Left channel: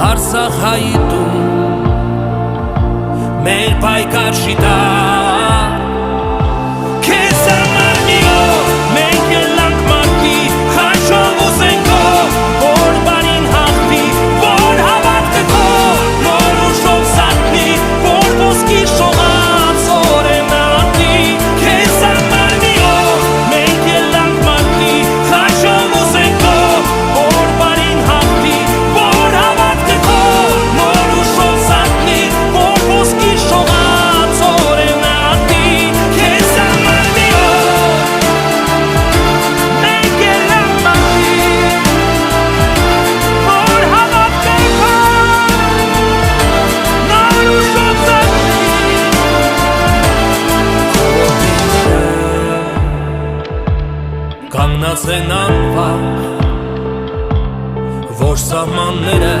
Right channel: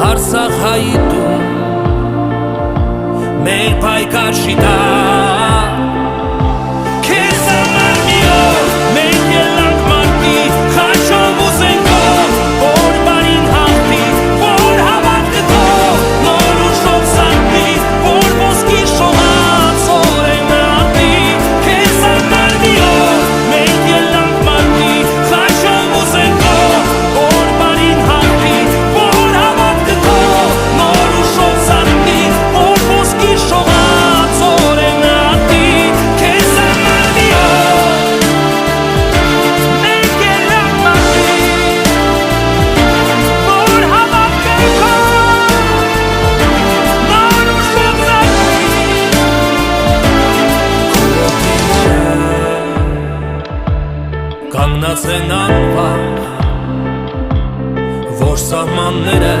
Արցախայիդում մեր պայքար շիտա քեզ համար մի օր մենք ելանք մարտի խաչով ուզենքով որ բարին հաղթի որ հավատքը քո նոր ուժով զարթնի որ ոսկի շողած օրենը արտի քեզ համար մի օր մենք ելանք մարտի խաչով ուզենքով որ բարին հաղթի որ հավատքը քո նոր ուժով զարթնի որ ոսկի շողած օրենը արտի քեզ համար մի օր մենք ելանք մարտի որ հավատքը քո նոր ուժով զարթնի քո ոտիները կանգնած են անվախ որ սահմանները